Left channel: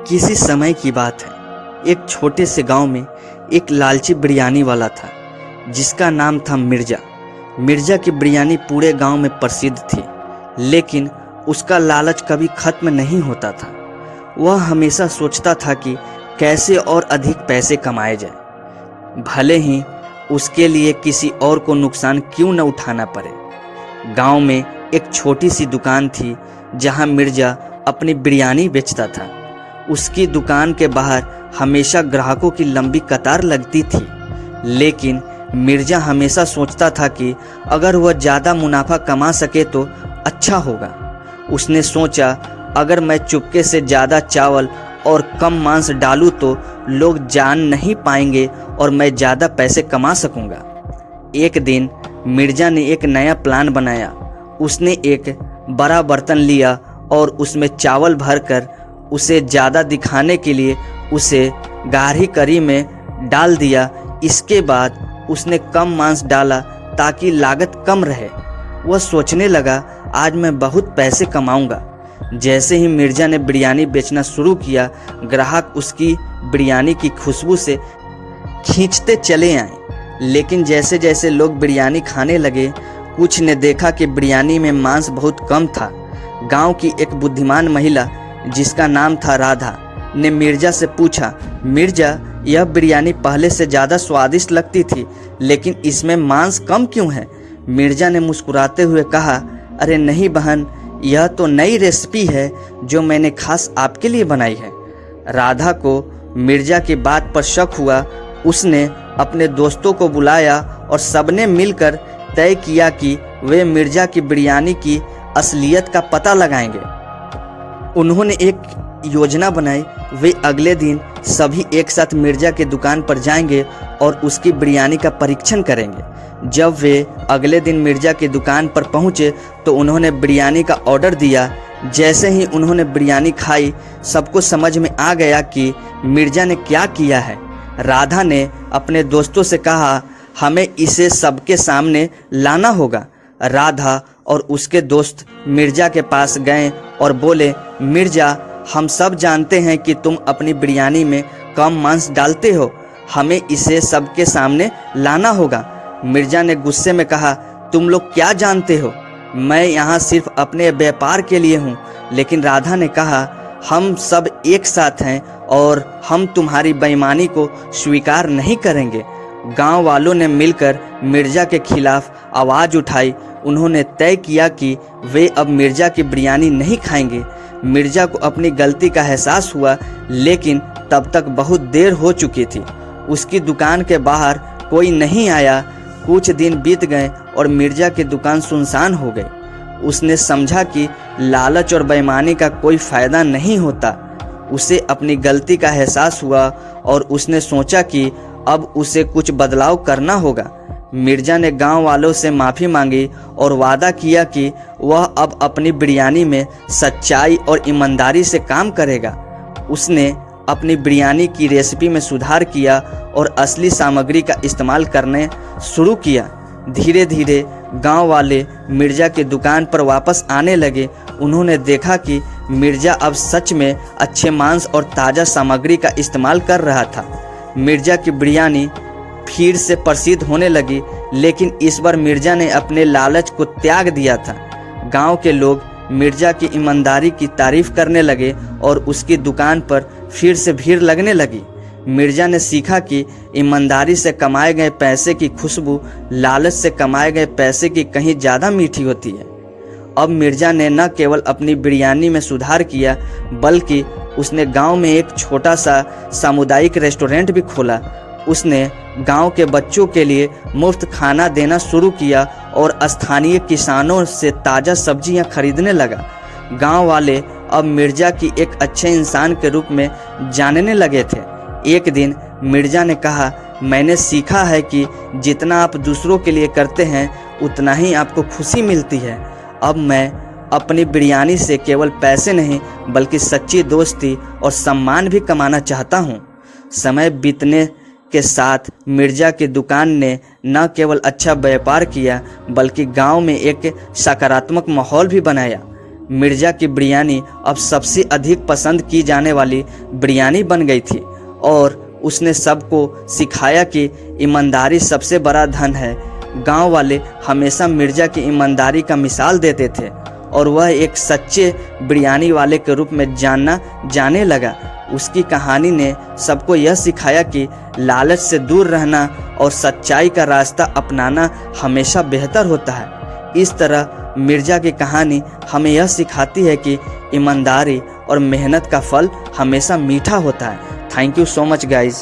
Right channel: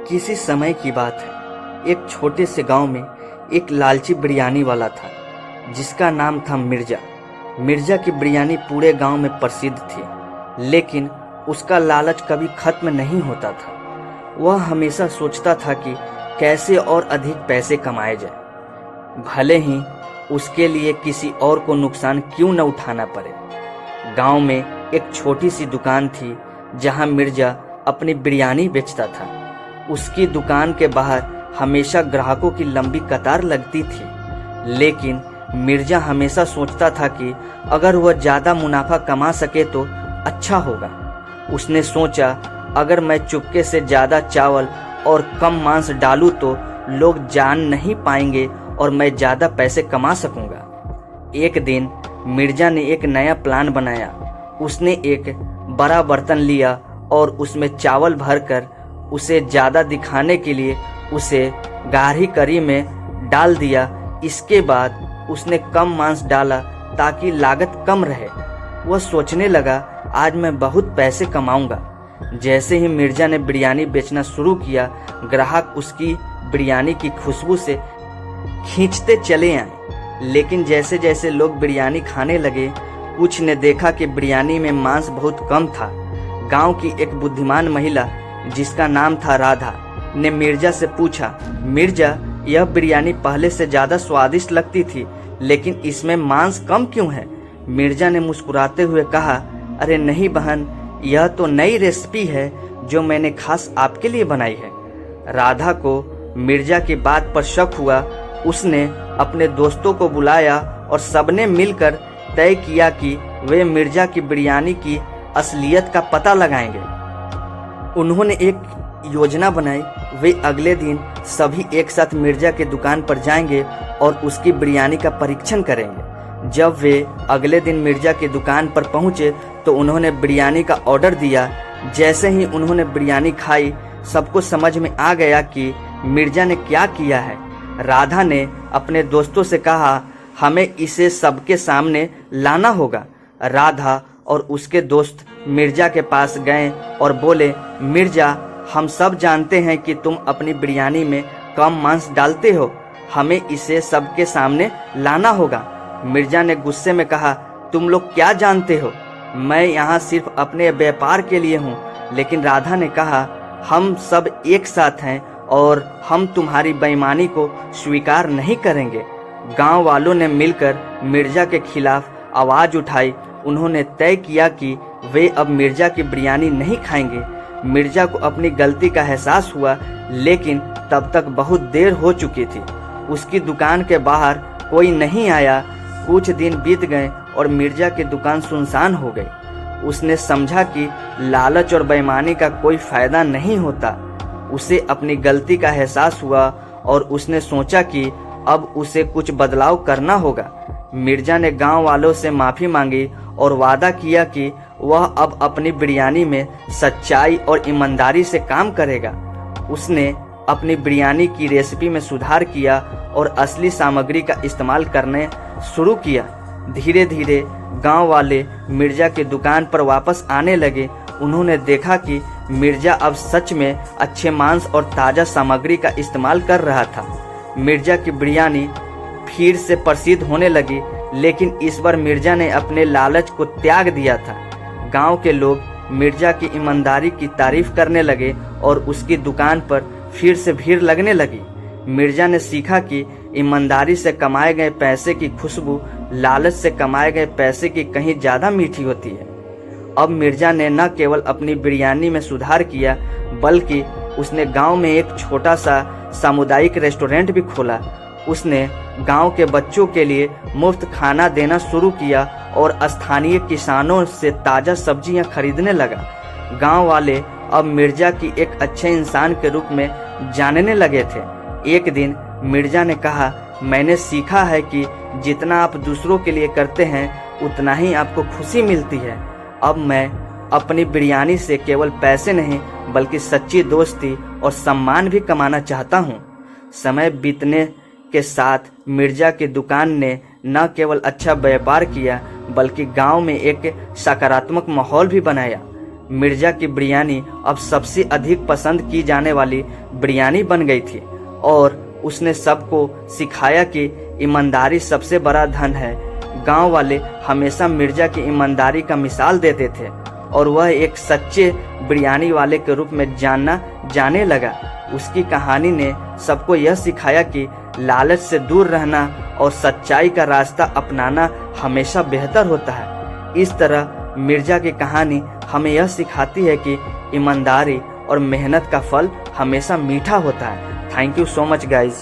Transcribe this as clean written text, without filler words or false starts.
किसी समय की बात है। एक छोटे से गांव में एक लालची बिरयानी वाला था जिसका नाम था मिर्जा। मिर्जा की बिरयानी पूरे गांव में प्रसिद्ध थी, लेकिन उसका लालच कभी खत्म नहीं होता था। वह हमेशा सोचता था कि कैसे और अधिक पैसे कमाए जाए, भले ही उसके लिए किसी और को नुकसान क्यों न उठाना पड़े। गांव में एक छोटी सी दुकान थी जहां मिर्जा अपनी बिरयानी बेचता था। उसकी दुकान के बाहर हमेशा ग्राहकों की लंबी कतार लगती थी, लेकिन मिर्जा हमेशा सोचता था कि अगर वह ज़्यादा मुनाफा कमा सके तो अच्छा होगा। उसने सोचा, अगर मैं चुपके से ज़्यादा चावल और कम मांस डालूं तो लोग जान नहीं पाएंगे और मैं ज़्यादा पैसे कमा सकूंगा। एक दिन मिर्जा ने एक नया प्लान बनाया। उसने एक बड़ा बर्तन लिया और उसमें चावल भरकर उसे ज़्यादा दिखाने के लिए उसे गाढ़ी करी में डाल दिया। इसके बाद उसने कम मांस डाला ताकि लागत कम रहे। वह सोचने लगा, आज मैं बहुत पैसे कमाऊंगा। जैसे ही मिर्जा ने बिरयानी बेचना शुरू किया, ग्राहक उसकी बिरयानी की खुशबू से खींचते चले आए। लेकिन जैसे जैसे लोग बिरयानी खाने लगे, कुछ ने देखा कि बिरयानी में मांस बहुत कम था। गांव की एक बुद्धिमान महिला जिसका नाम था राधा ने मिर्जा से पूछा, मिर्जा, यह बिरयानी पहले से ज़्यादा स्वादिष्ट लगती थी, लेकिन इसमें मांस कम क्यों है? मिर्जा ने मुस्कुराते हुए कहा, अरे नहीं बहन, यह तो नई रेसिपी है जो मैंने खास आपके लिए बनाई है। राधा को मिर्जा की बात पर शक हुआ। उसने अपने दोस्तों को बुलाया और सबने मिलकर तय किया कि वे मिर्जा की बिरयानी की असलियत का पता लगाएंगे। उन्होंने एक योजना बनाई। वे अगले दिन सभी एक साथ मिर्जा की दुकान पर जाएंगे और उसकी बिरयानी का परीक्षण करेंगे। जब वे अगले दिन मिर्जा की दुकान पर पहुंचे तो उन्होंने बिरयानी का ऑर्डर दिया। जैसे ही उन्होंने बिरयानी खाई, सबको समझ में आ गया कि मिर्जा ने क्या किया है। राधा ने अपने दोस्तों से कहा, हमें इसे सबके सामने लाना होगा। राधा और उसके दोस्त मिर्जा के पास गए और बोले, मिर्जा, हम सब जानते हैं कि तुम अपनी बिरयानी में कम मांस डालते हो, हमें इसे सबके सामने लाना होगा। मिर्जा ने गुस्से में कहा, तुम लोग क्या जानते हो? मैं यहाँ सिर्फ अपने व्यापार के लिए हूँ। लेकिन राधा ने कहा, हम सब एक साथ हैं और हम तुम्हारी बेईमानी को स्वीकार नहीं करेंगे। गांव वालों ने मिलकर मिर्जा के खिलाफ आवाज़ उठाई। उन्होंने तय किया कि वे अब मिर्जा की बिरयानी नहीं खाएंगे। मिर्जा को अपनी गलती का एहसास हुआ, लेकिन तब तक बहुत देर हो चुकी थी। उसकी दुकान के बाहर कोई नहीं आया। कुछ दिन बीत गए और मिर्जा की दुकान सुनसान हो गई। उसने समझा कि लालच और बेईमानी का कोई फायदा नहीं होता। उसे अपनी गलती का एहसास हुआ और उसने सोचा कि अब उसे कुछ बदलाव करना होगा। मिर्जा ने गांव वालों से माफ़ी मांगी और वादा किया कि वह अब अपनी बिरयानी में सच्चाई और ईमानदारी से काम करेगा। उसने अपनी बिरयानी की रेसिपी में सुधार किया और असली सामग्री का इस्तेमाल करने शुरू किया। धीरे धीरे गांव वाले मिर्जा की दुकान पर वापस आने लगे। उन्होंने देखा कि मिर्जा अब सच में अच्छे मांस और ताज़ा सामग्री का इस्तेमाल कर रहा था। मिर्जा की बिरयानी फिर से प्रसिद्ध होने लगी, लेकिन इस बार मिर्जा ने अपने लालच को त्याग दिया था। गांव के लोग मिर्जा की ईमानदारी की तारीफ करने लगे और उसकी दुकान पर फिर से भीड़ लगने लगी। मिर्जा ने सीखा कि ईमानदारी से कमाए गए पैसे की खुशबू लालच से कमाए गए पैसे की कहीं ज़्यादा मीठी होती है। अब मिर्जा ने न केवल अपनी बिरयानी में सुधार किया, बल्कि उसने गांव में एक छोटा सा सामुदायिक रेस्टोरेंट भी खोला। उसने गांव के बच्चों के लिए मुफ्त खाना देना शुरू किया और स्थानीय किसानों से ताज़ा सब्जियां खरीदने लगा। गांव वाले अब मिर्जा की एक अच्छे इंसान के रूप में जानने लगे थे। एक दिन मिर्जा ने कहा, मैंने सीखा है कि जितना आप दूसरों के लिए करते हैं उतना ही आपको खुशी मिलती है। अब मैं अपनी बिरयानी से केवल पैसे नहीं बल्कि सच्ची दोस्ती और सम्मान भी कमाना चाहता हूँ। समय बीतने के साथ मिर्जा की दुकान ने न केवल अच्छा व्यापार किया बल्कि गांव में एक सकारात्मक माहौल भी बनाया। मिर्जा की बिरयानी अब सबसे अधिक पसंद की जाने वाली बिरयानी बन गई थी और उसने सबको सिखाया कि ईमानदारी सबसे बड़ा धन है। गांव वाले हमेशा मिर्जा की ईमानदारी का मिसाल देते थे और वह एक सच्चे बिरयानी वाले के रूप में जाने लगा। उसकी कहानी ने सबको यह सिखाया कि लालच से दूर रहना और सच्चाई का रास्ता अपनाना हमेशा बेहतर होता है। इस तरह मिर्जा की कहानी हमें यह सिखाती है कि ईमानदारी और मेहनत का फल हमेशा मीठा होता है। Thank you so much guys.